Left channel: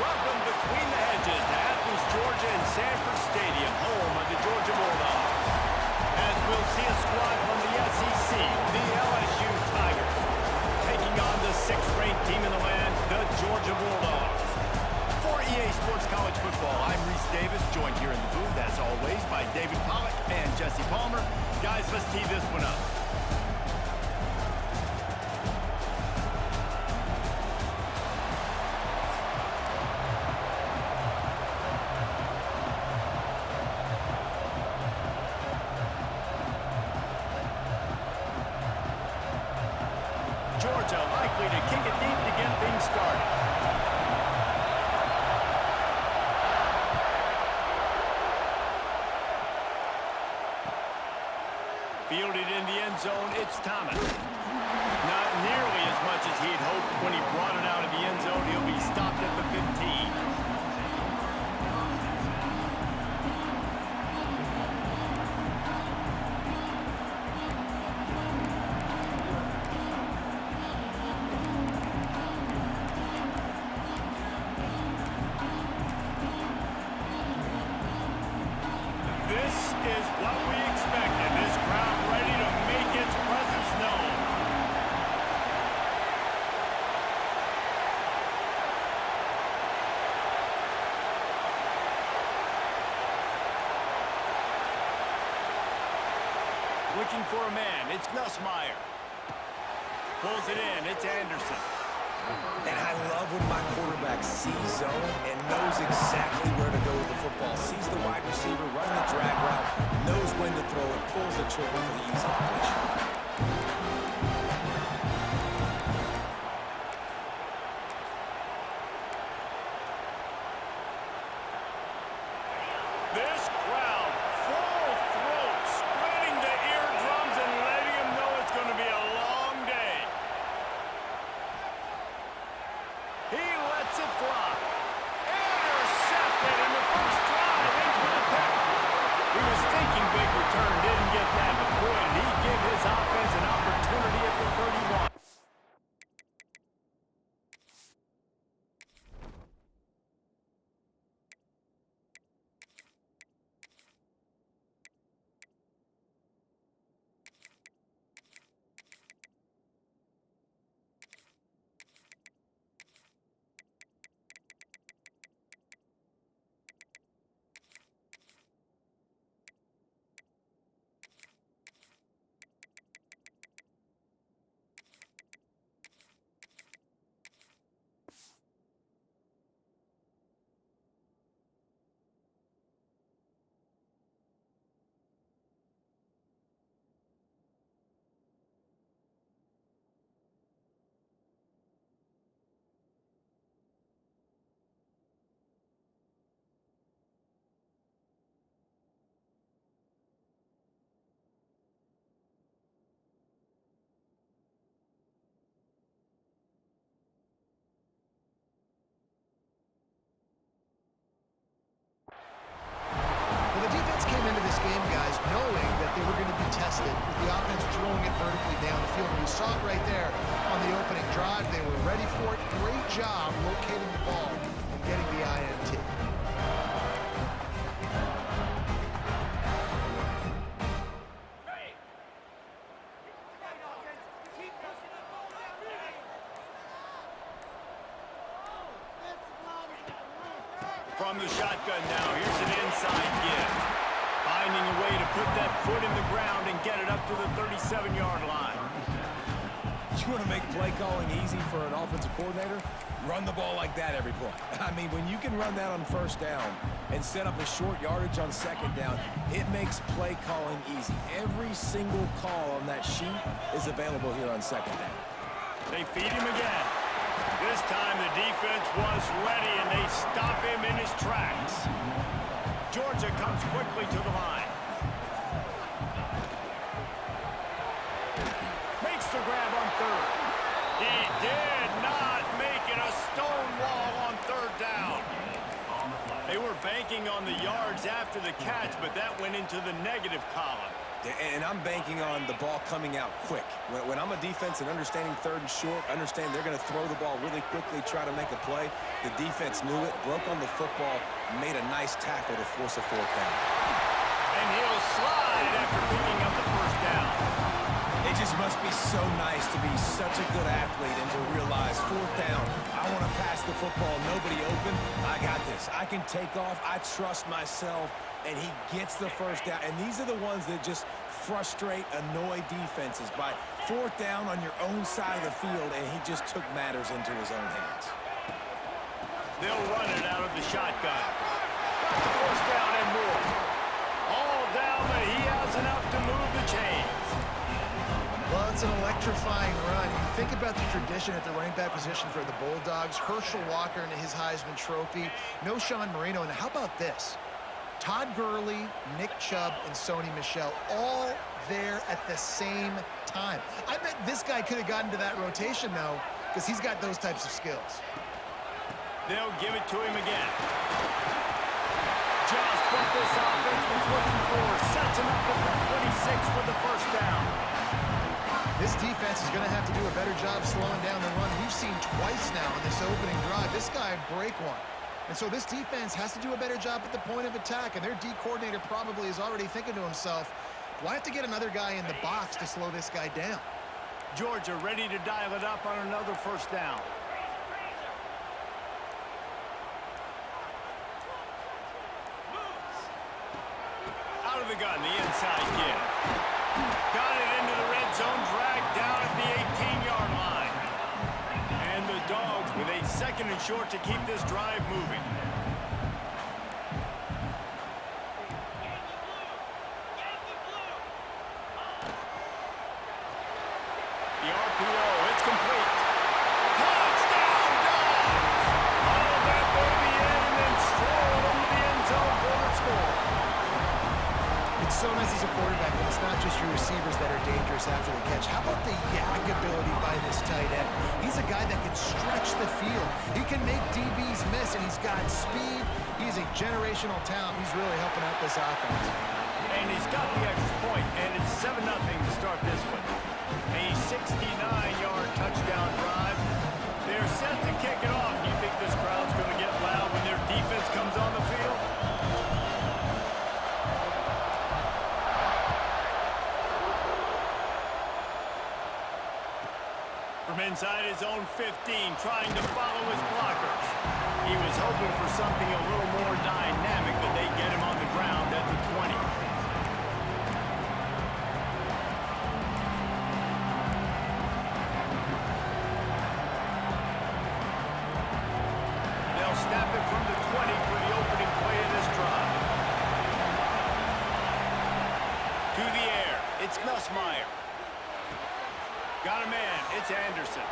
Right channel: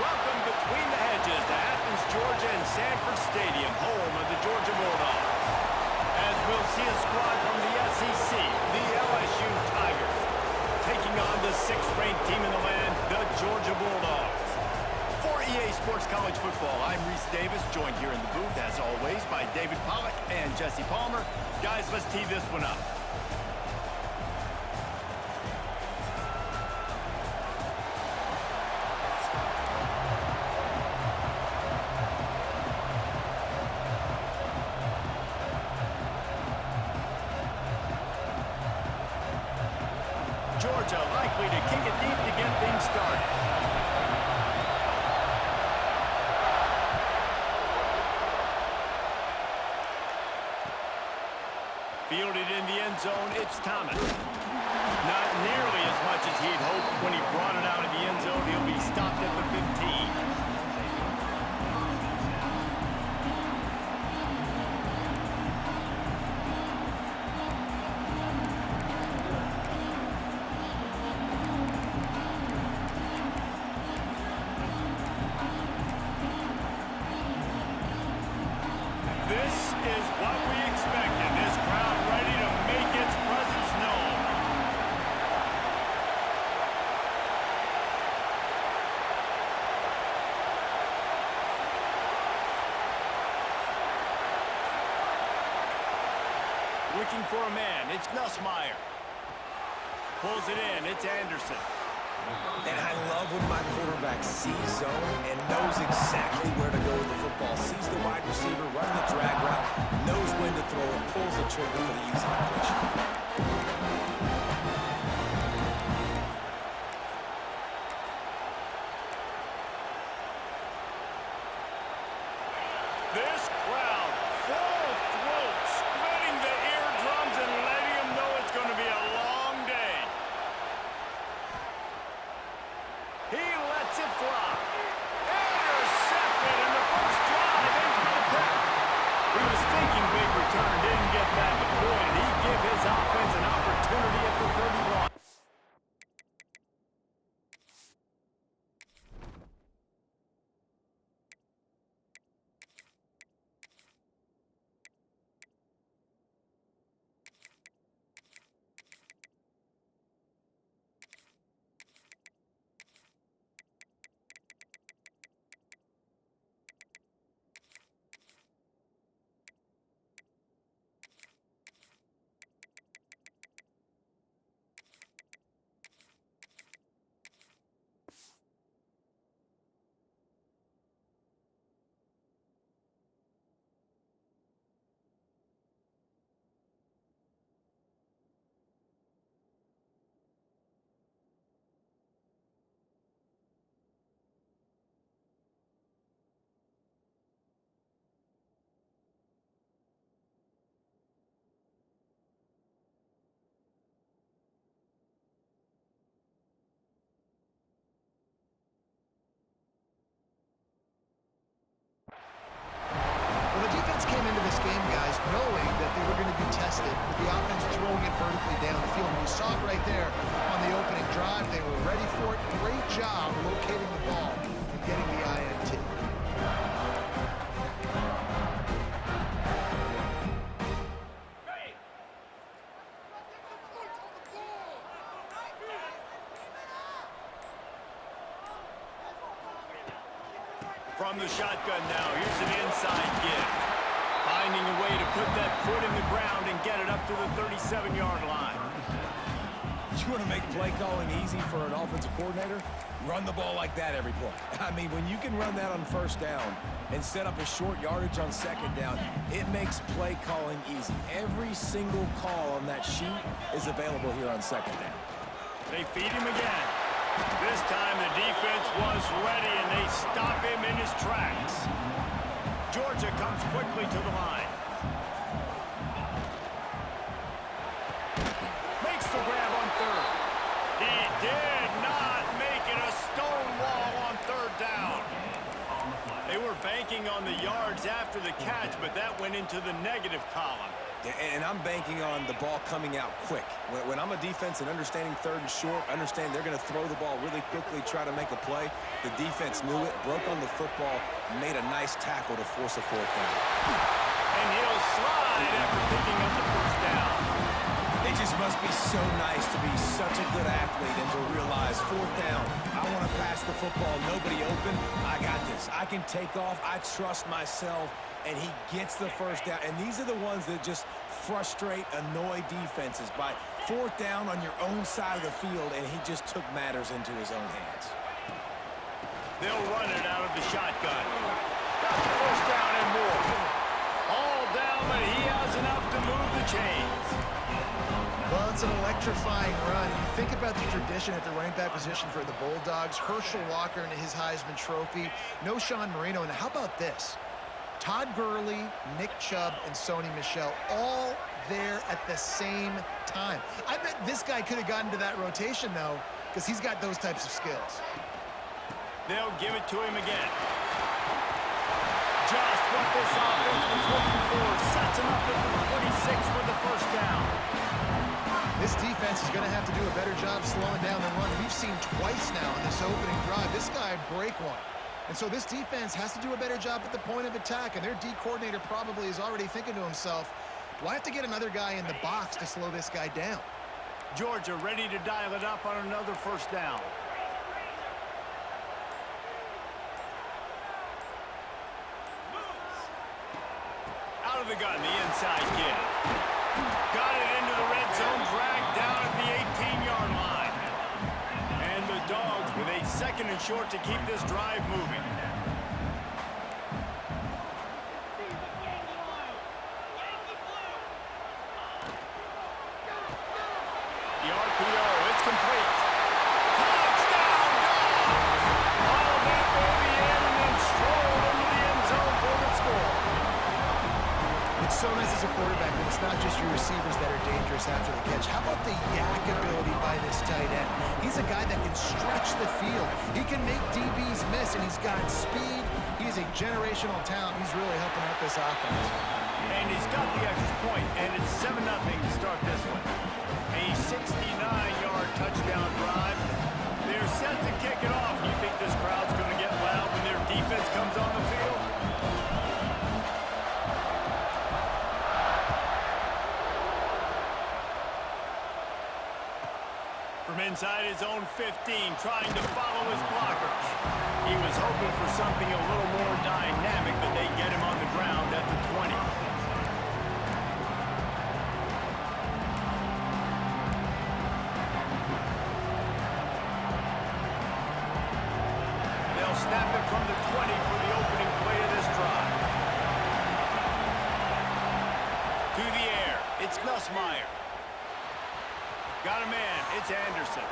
Welcome between the hedges to Athens, Georgia and Sanford Stadium, home of the Georgia Bulldogs. As we'll see a squad from the SEC, the LSU Tigers, taking on the 6th-ranked team in the land, the Georgia Bulldogs. For EA Sports College Football, I'm Reese Davis, joined here in the booth, as always, by David Pollack and Jesse Palmer. Guys, let's tee this one up. Georgia likely to kick it deep to get things started. Fielded in the end zone, it's Thomas. Not nearly as much as he'd hoped when he brought it out of the end zone. He'll be stopped at the 15. This is what we expected. This crowd ready to make its presence known. Looking for a man. It's Nussmeier. Pulls it in. It's Anderson. And I love when my quarterback sees zone and knows exactly where to go with the football. Sees the wide receiver running the drag route, knows when to throw it, pulls the trigger for the easy completion. This crowd, full throat, splitting the eardrums and letting them know it's going to be a long day. He lets it fly. Intercepted in the first drive, ends with a pick. He was thinking big return, didn't get that, but boy, did he give his offense an opportunity at the 31. Well, the defense came into this game, guys, knowing that they were going to be tested with the offense throwing it vertically down the field. And you saw it right there on the opening drive. They were ready for it. Great job locating the ball and getting the INT. From the shotgun now, here's an inside give. Finding a way to put that foot in the ground and get it up to the 37-yard line. You want to make play calling easy for an offensive coordinator? Run the ball like that every play. I mean, when you can run that on first down and set up a short yardage on second down, it makes play calling easy. Every single call on that sheet is available here on second down. They feed him again. This time the defense was ready and they stop him in his tracks. Georgia comes quickly to the line. Makes the grab on third. He did not make it a stone wall on third down. They were banking on the yards after the catch, but that went into the negative column. And I'm banking on the ball coming out quick. When I'm a defense and understanding 3rd and short, understand they're going to throw the ball really quickly, try to make a play. The defense knew it, broke on the football, made a nice tackle to force a 4th down. And he'll slide after picking up the 1st down. It just must be so nice to be such a good athlete and to realize 4th down, I want to pass the football, nobody open, I got this. I can take off, I trust myself, and he gets the 1st down. And these are the ones that just frustrate, annoy defenses by 4th down on your own side of the field, and he just took matters into his own hands. They'll run it out of the shotgun. Got the 1st down and more. All down, but he has enough to move the chains. Well, it's an electrifying run. You think about the tradition at the running back position for the Bulldogs. Herschel Walker and his Heisman Trophy. No Sean Marino. And how about this? Todd Gurley, Nick Chubb, and Sony Michel all there at the same time. I bet this guy could have gotten to that rotation, though, because he's got those types of skills. They'll give it to him again. Just what this offense was looking for. Sets him up at the 26 for the 1st down. This defense is going to have to do a better job slowing down the run. We've seen twice now in this opening drive. This guy break one. And so this defense has to do a better job at the point of attack. And their D coordinator probably is already thinking to himself, do I have to get another guy in the box to slow this guy down? Georgia ready to dial it up on another 1st down. Out of the gun, the inside give. Got it into the red zone, dragged down at the 18-yard line. And the Dogs with a 2nd and short to keep this drive moving. The RPO, it's complete. Touchdown, Dogs! All that baby in and then strolled into the end zone for the score. It's so nice as a quarterback when it's not just your receivers that are dangerous after the catch. How about the yak ability by this tight end? He's a guy that can stretch the field. He can make DBs miss, and he's got speed. He's a generational talent. He's really helping out this offense. And he's got the extra point, and it's 7-0 to start this one. A 69-yard touchdown drive. They're set to kick it off. You think this crowd's going to get loud when their defense comes on the field? From inside his own 15, trying to follow his blockers. He was hoping for something a little more dynamic, but they get him on the ground at the 20. They'll snap it from the 20 for the opening play of this drive. To the air, it's Nussmeier. Got a man, it's Anderson.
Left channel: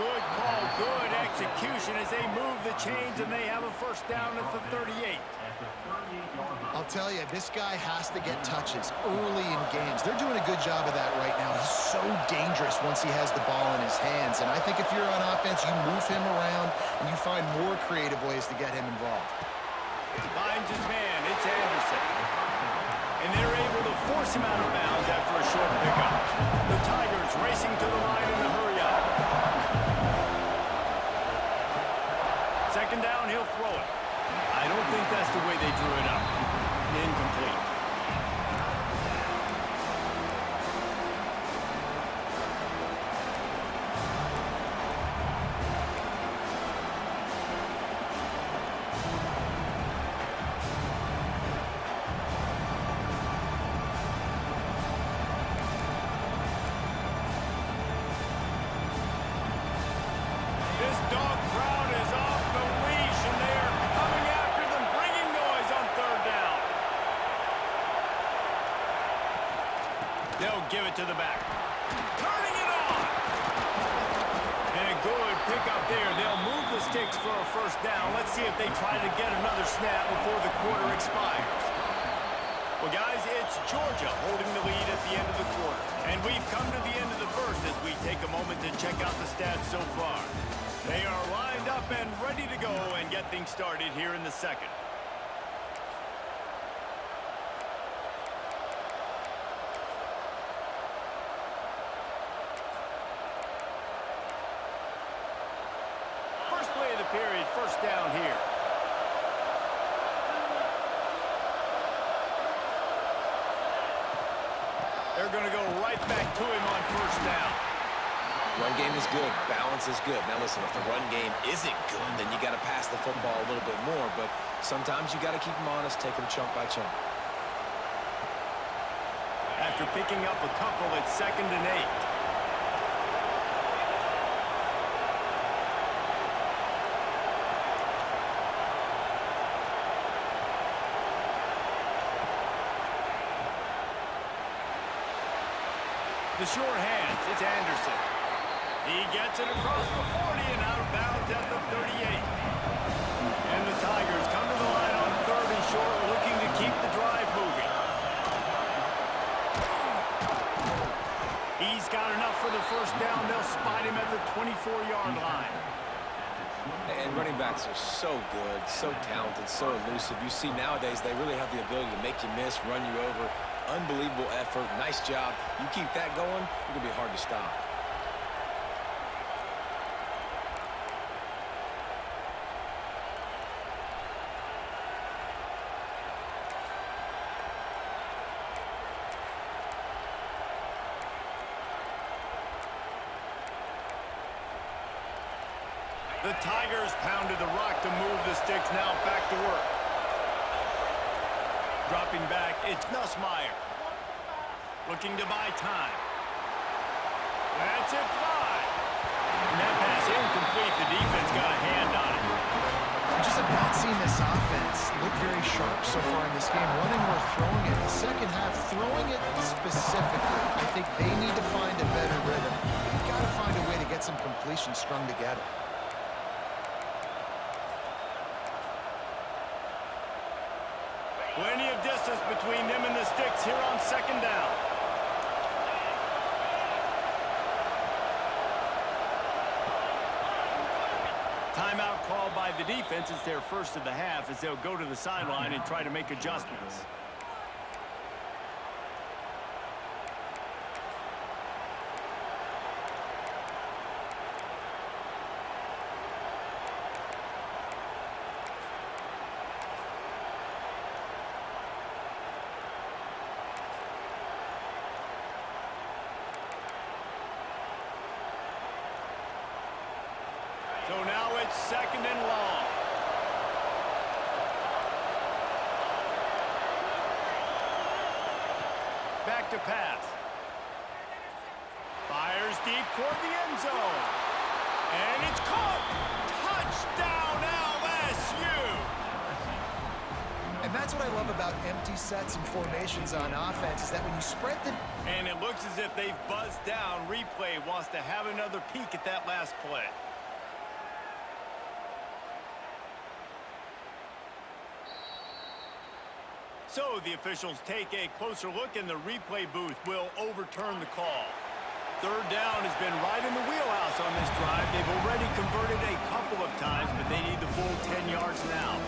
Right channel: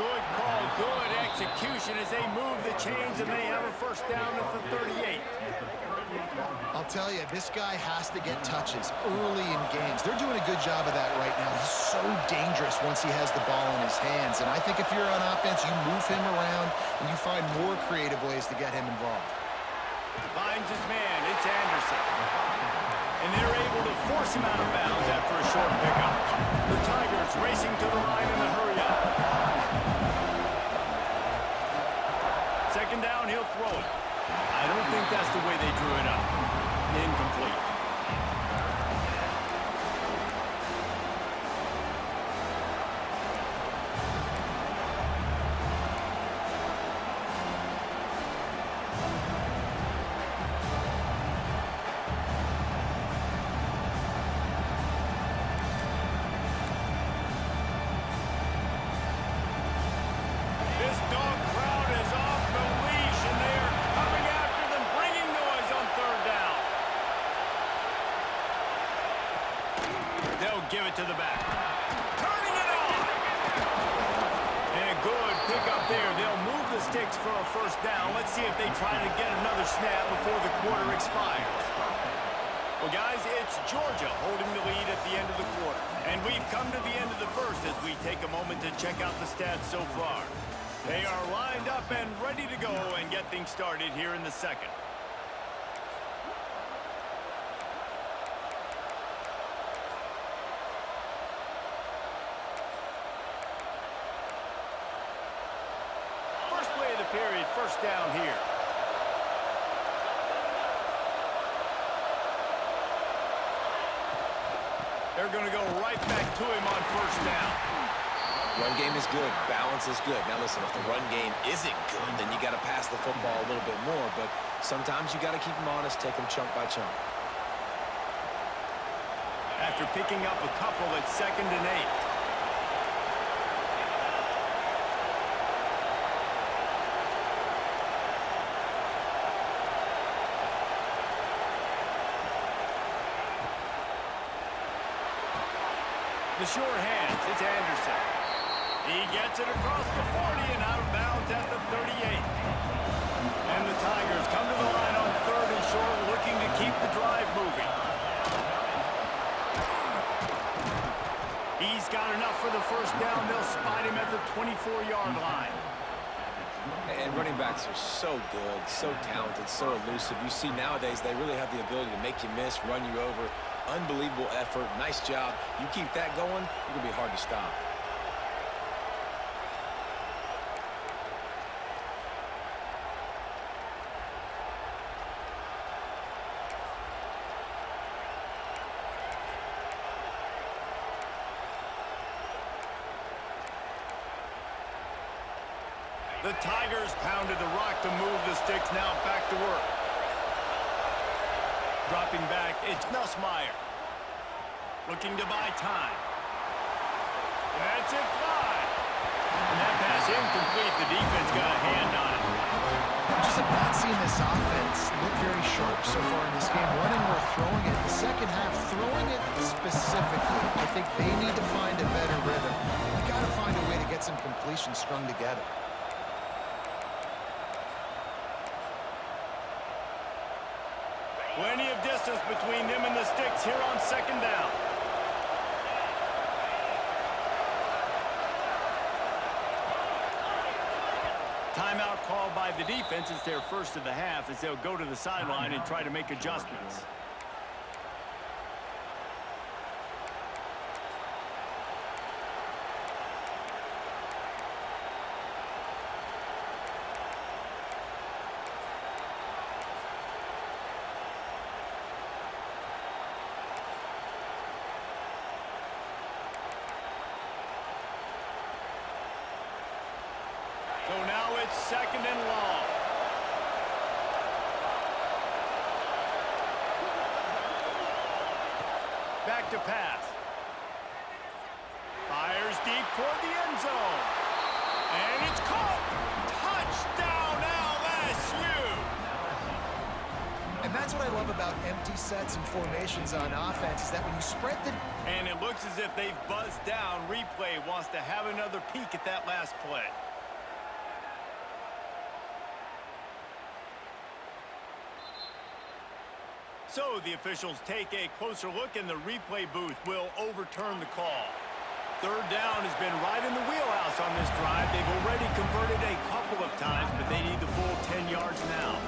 Good call, good execution as they move the chains and they have a 1st down at the 38. I'll tell you, this guy has to get touches early in games. They're doing a good job of that right now. He's so dangerous once he has the ball in his hands. And I think if you're on offense, you move him around and you find more creative ways to get him involved. Finds his man, it's Anderson. And they're able to force him out of bounds after a short pickup. The Tigers racing to the line in a hurry-up. 2nd down, he'll throw it. I don't think that's the way they drew it up. Incomplete. This dog crowd is off the leash, and they are coming after them, bringing noise on 3rd down. They'll give it to the back. Turning it on. And a good pickup there. They'll move the sticks for a 1st down. Let's see if they try to get another snap before the quarter expires. Well, guys, it's Georgia holding the lead at the end of the quarter. And we've come to the end of the 1st as we take a moment to check out the stats so far. They are lined up and ready to go and get things started here in the second. First play of the period, first down here. They're going to go right back to him on first down. Run game is good. Balance is good. Now listen, if the run game isn't good, then you got to pass the football a little bit more. But sometimes you got to keep them honest, take them chunk by chunk. After picking up a couple, it's 2nd and 8. The short hands, it's Anderson. He gets it across the 40 and out of bounds at the 38. And the Tigers come to the line on 3rd and short, looking to keep the drive moving. He's got enough for the first down. They'll spot him at the 24-yard line. And running backs are so good, so talented, so elusive. You see nowadays they really have the ability to make you miss, run you over. Unbelievable effort. Nice job. You keep that going, you're going to be hard to stop. The Tigers pounded the rock to move the sticks. Now back to work. Dropping back, it's Nussmeier. Looking to buy time. That's it fly. And that pass incomplete. The defense got a hand on it. We just have not seen this offense look very sharp so far in this game. Running or throwing it. The second half, throwing it specifically. I think they need to find a better rhythm. They've got to find a way to get some completions strung together. Plenty of distance between them and the sticks here on 2nd down. Timeout called by the defense. It's their first of the half as they'll go to the sideline and try to make adjustments. So now it's 2nd and long. Back to pass. Fires deep toward the end zone. And it's caught. Touchdown LSU. And that's what I love about empty sets and formations on offense is that when you spread the... And it looks as if they've buzzed down. Replay wants to have another peek at that last play. So the officials take a closer look, and the replay booth will overturn the call. 3rd down has been right in the wheelhouse on this drive. They've already converted a couple of times, but they need the full 10 yards now.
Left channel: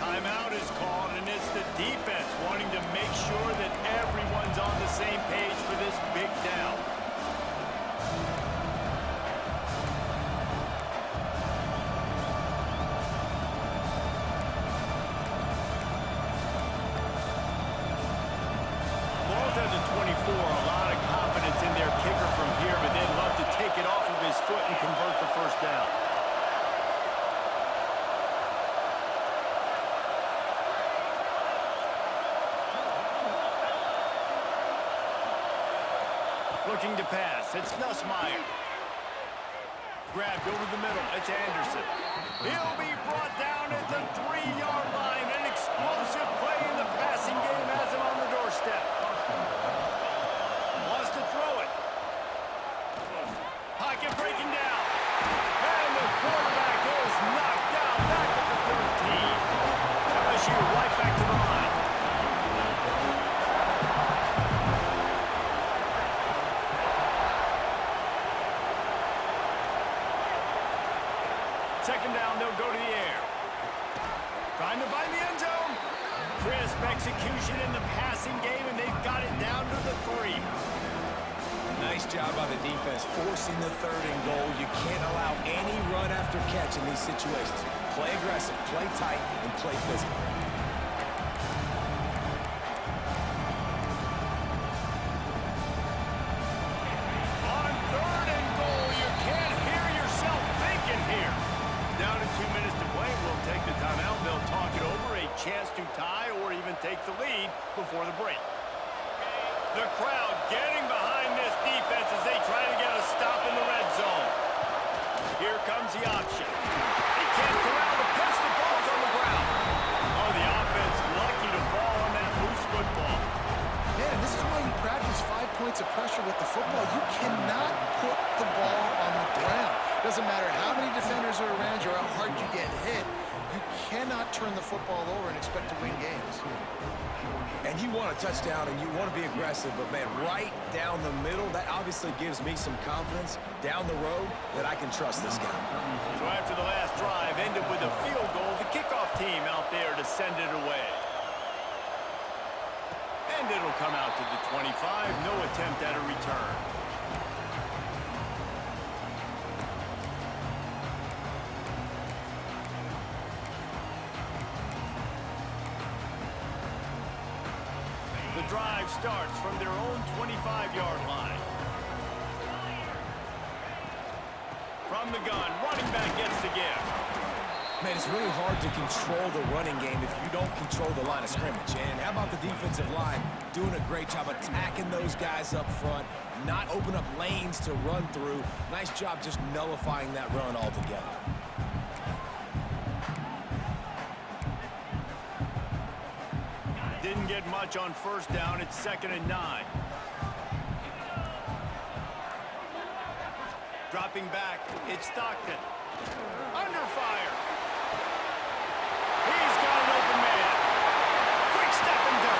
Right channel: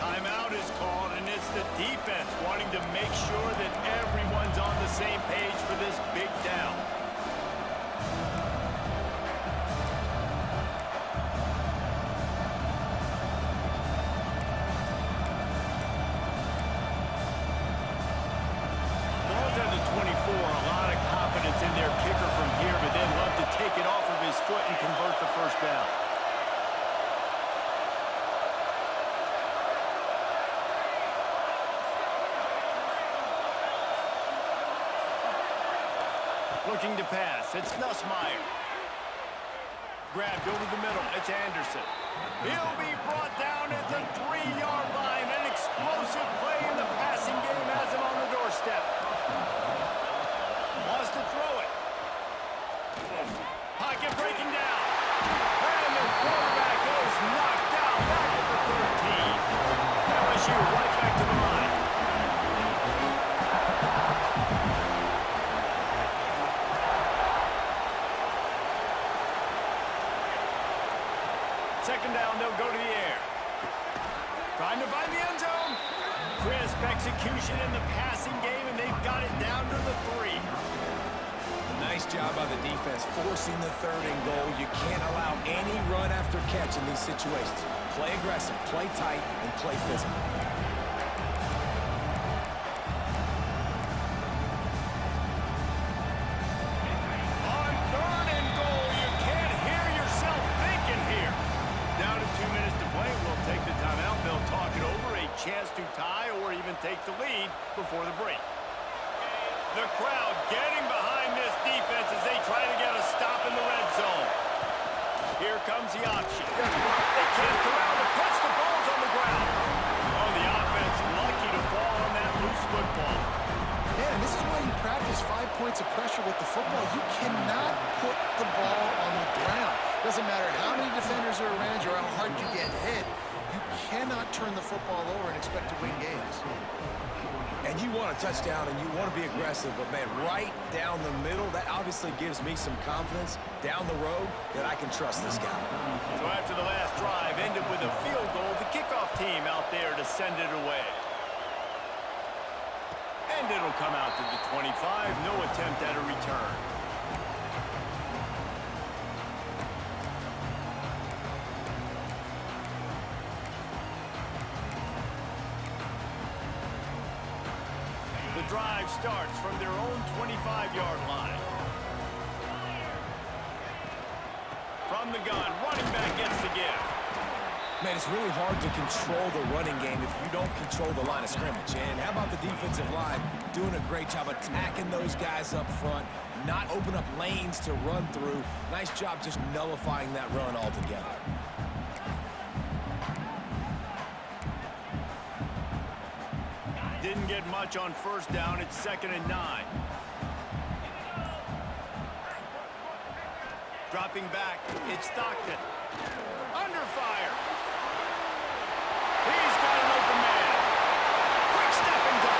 Timeout is called, and it's the defense wanting to make sure that everyone's on the same page for this big down. At the 24, a lot of confidence in their kicker from here, but they'd love to take it off of his foot and convert the first down. Looking to pass, it's Nussmeier. Grabbed over the middle, it's Anderson. He'll be brought down at the 3-yard line. An explosive play in the passing game has him on the doorstep. Wants to throw it. Pocket breaking down. And the quarterback is knocked down back at the 13. LSU right back to the line. go to the air. Trying to find the end zone. Crisp execution in the passing game, and they've got it down to the 3. Nice job by the defense, forcing the 3rd and goal. You can't allow any run after catch in these situations. Play aggressive, play tight, and play physical. On 3rd and goal, you can't hear yourself thinking here. Down to 2 minutes to play. We'll take the timeout. They'll talk it over. A chance to tie or even take the lead before the break. The crowd getting behind this defense as they try to get a stop in the red zone. Here comes the option. They can't corral the pitch. The ball's on the ground. Oh, the offense lucky to fall on that loose football. Man, and this is why you practice 5 points of pressure with the football. You cannot put the ball on the ground. Doesn't matter how many defenders are around you or how hard you get hit. You cannot turn the football over and expect to win games. And you want a touchdown and you want to be aggressive, but man, right down the middle, that obviously gives me some confidence down the road that I can trust this guy. So after the last drive ended with a field goal, the kickoff team out there to send it away. And it'll come out to the 25, no attempt at a return. The drive starts from their own 25-yard line. From the gun, running back gets the gift. Man, it's really hard to control the running game if you don't control the line of scrimmage. And how about the defensive line doing a great job attacking those guys up front, not open up lanes to run through. Nice job just nullifying that run altogether. Didn't get much on first down. It's 2nd and 9. Dropping back, it's Stockton. Under fire. He's got an open man. Quick step and go.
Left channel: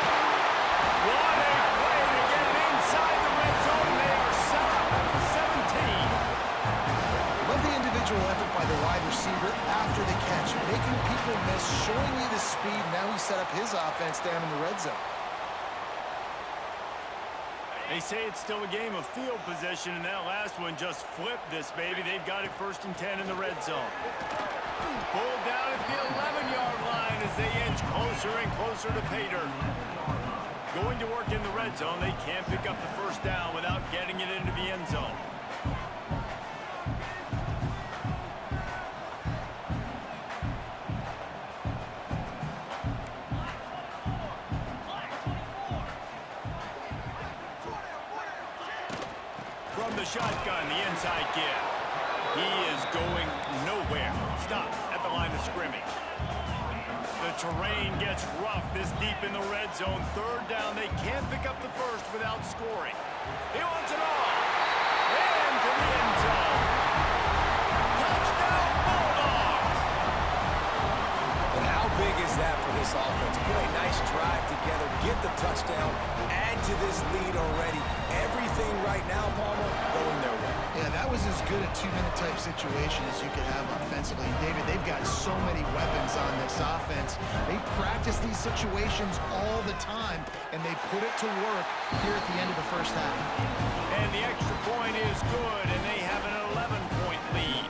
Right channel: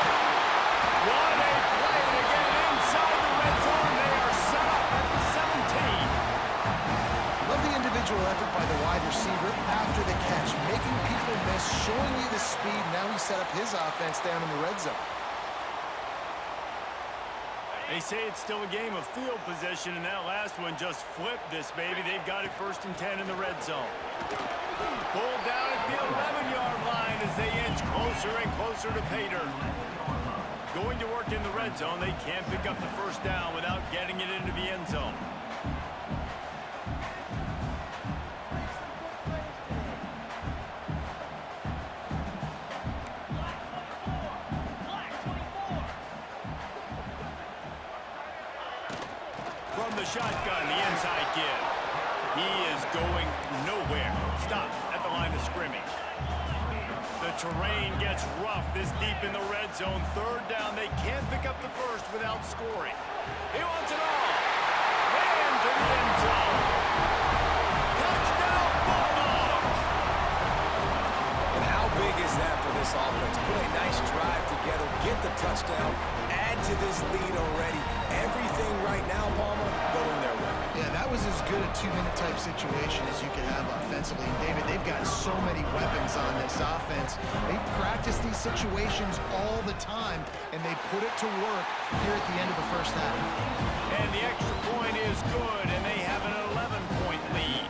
What a play to get it inside the red zone. They are set up at the 17. Love the individual effort by the wide receiver after the catch, making people miss, showing you the speed. Now he set up his offense down in the red zone. They say it's still a game of field position, and that last one just flipped this baby. They've got it 1st and 10 in the red zone. Pulled down at the 11-yard line as they inch closer and closer to pay dirt. Going to work in the red zone, they can't pick up the first down without getting it into the end zone. From the shotgun, the inside give. He is going nowhere. Stop at the line of scrimmage. The terrain gets rough this deep in the red zone. 3rd down, they can't pick up the first without scoring. He wants it all. And to the end zone. Touchdown, Bulldogs! And how big is that for this offense? Put a nice drive together, get the touchdown, add to this lead already. Everything right now, Palmer, going their way. Yeah, that was as good a 2-minute type situation as you could have offensively. And David, they've got so many weapons on this offense. They practice these situations all the time, and they put it to work here at the end of the first half. And the extra point is good, and they have an 11-point lead.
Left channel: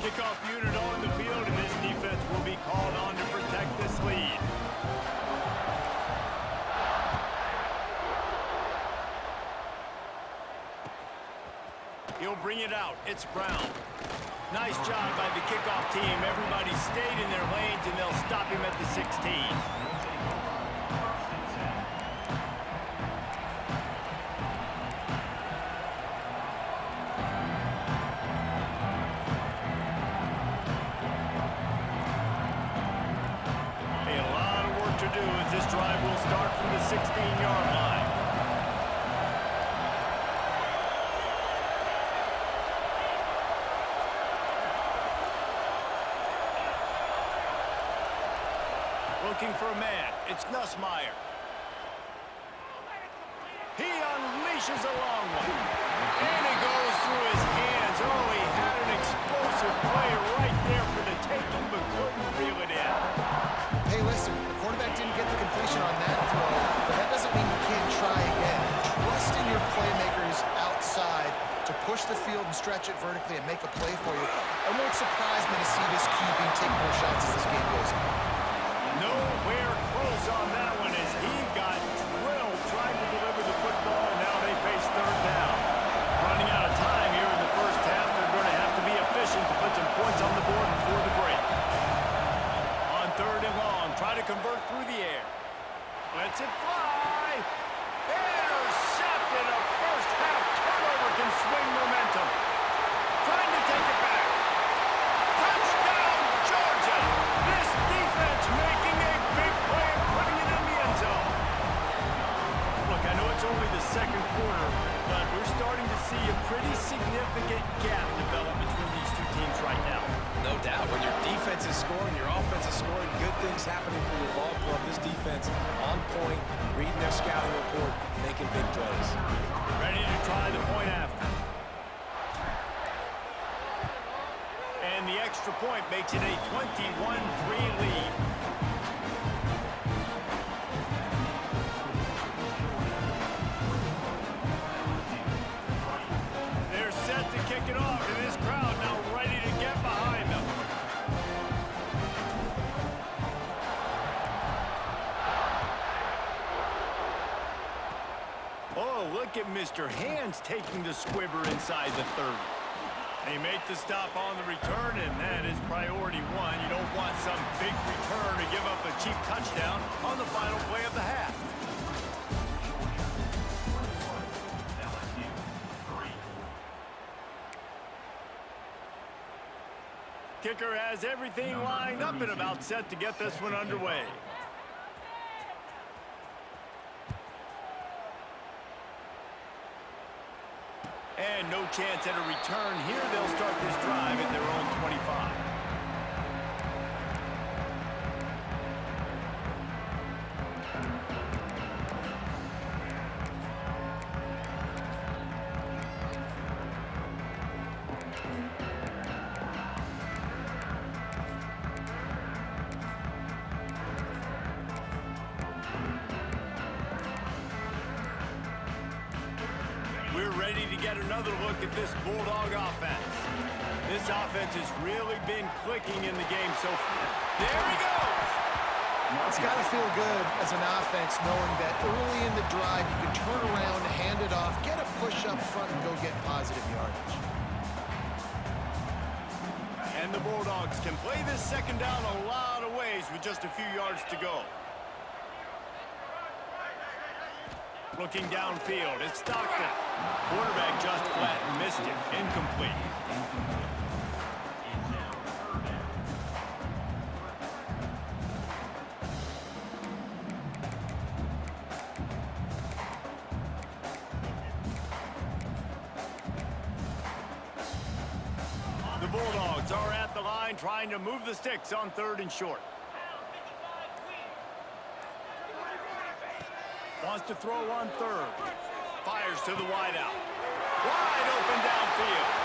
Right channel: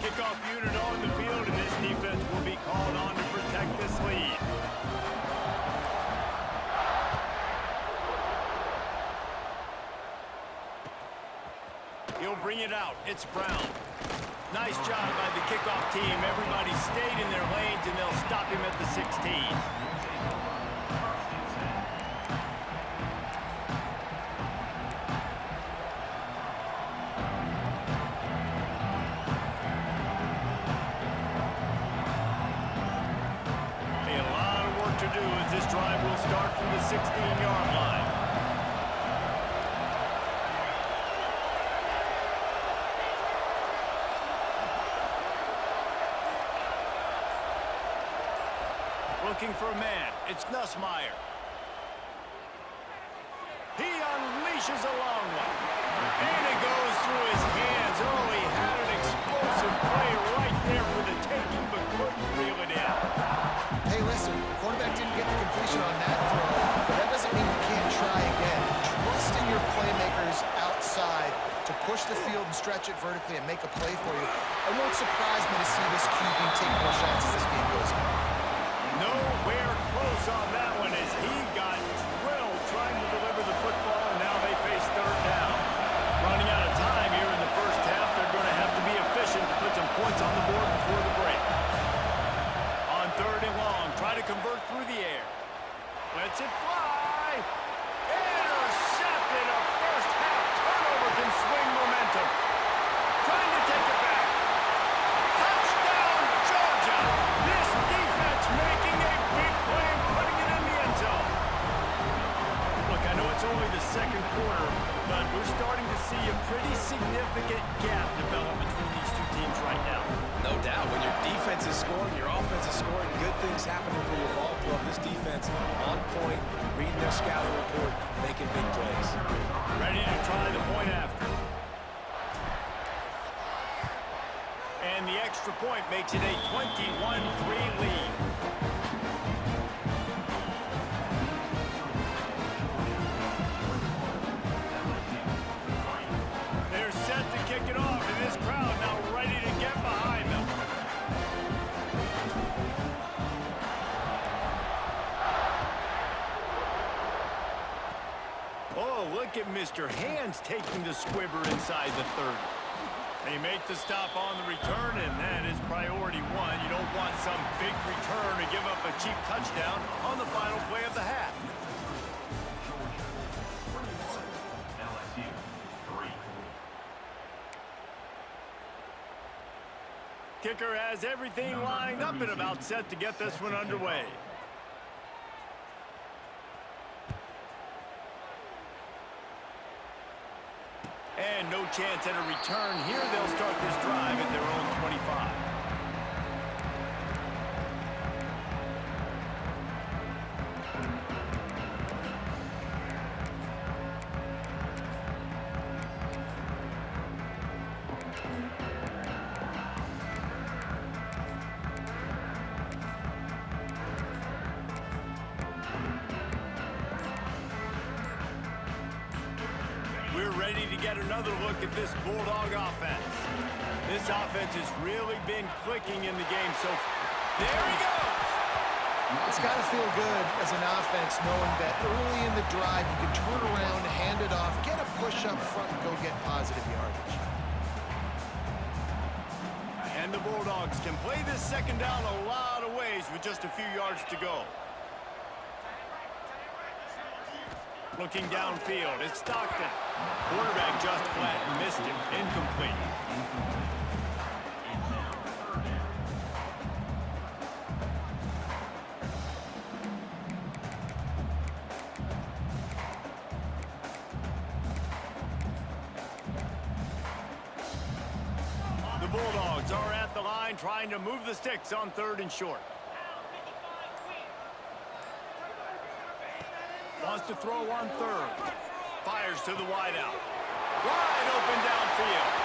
Kickoff unit on the field, and this defense will be called on to protect this lead. He'll bring it out. It's Brown. Nice job by the kickoff team. Everybody stayed in their lanes, and they'll stop him at the 16. To do as this drive will start from the 16-yard line. Looking for a man. It's Nussmeier. He's dishes a long one. And it goes through his hands. Oh, he had an explosive play right there for the taking, but couldn't reel it in. Hey, listen, the quarterback didn't get the completion on that throw, but that doesn't mean you can't try again. Trust in your playmakers outside to push the field and stretch it vertically and make a play for you. It won't surprise me to see this QB take more shots as this game goes on. Nowhere close on that one as he got drilled trying to deliver the football, and now they face third down. Running out of time here in the first half, they're going to have to be efficient to put some points on the board before the break. On third and long, try to convert through the air. Lets it fly. Intercepted. A first half turnover can swing momentum. Trying to take it back. Touchdown, Georgia. This defense making a big play and putting it in the end zone. Look, I know it's only the second quarter, but we're starting to see a pretty significant gap develop between these two teams right now. No doubt. When your defense is scoring, your offense is scoring, good things happening for your ball club. This defense on point, reading their scouting report, making big plays. Ready to try the point after. And the extra point makes it a 21-3 lead. They're set to kick it off, and this crowd now ready to get behind them. Oh, look at Mr. Hands taking the squibber inside the 30. They make the stop on the return, and that is priority one. You don't want some big return to give up a cheap touchdown on the final play of the half. LSU 3. Kicker has everything lined up and about set to get this one underway. And no chance at a return here. They'll start this drive at their own 25. We're ready to get another look at this Bulldog offense. This offense has really been clicking in the game so far. There he goes! It's got to feel good as an offense knowing that early in the drive you can turn around, hand it off, get a push up front, and go get positive yardage. And the Bulldogs can play this second down a lot of ways with just a few yards to go. Looking downfield, it's Stockton. Quarterback just flat missed him. Incomplete. The Bulldogs are at the line trying to move the sticks on third and short. Wants to throw on third. Fires to the wideout. Wide open downfield.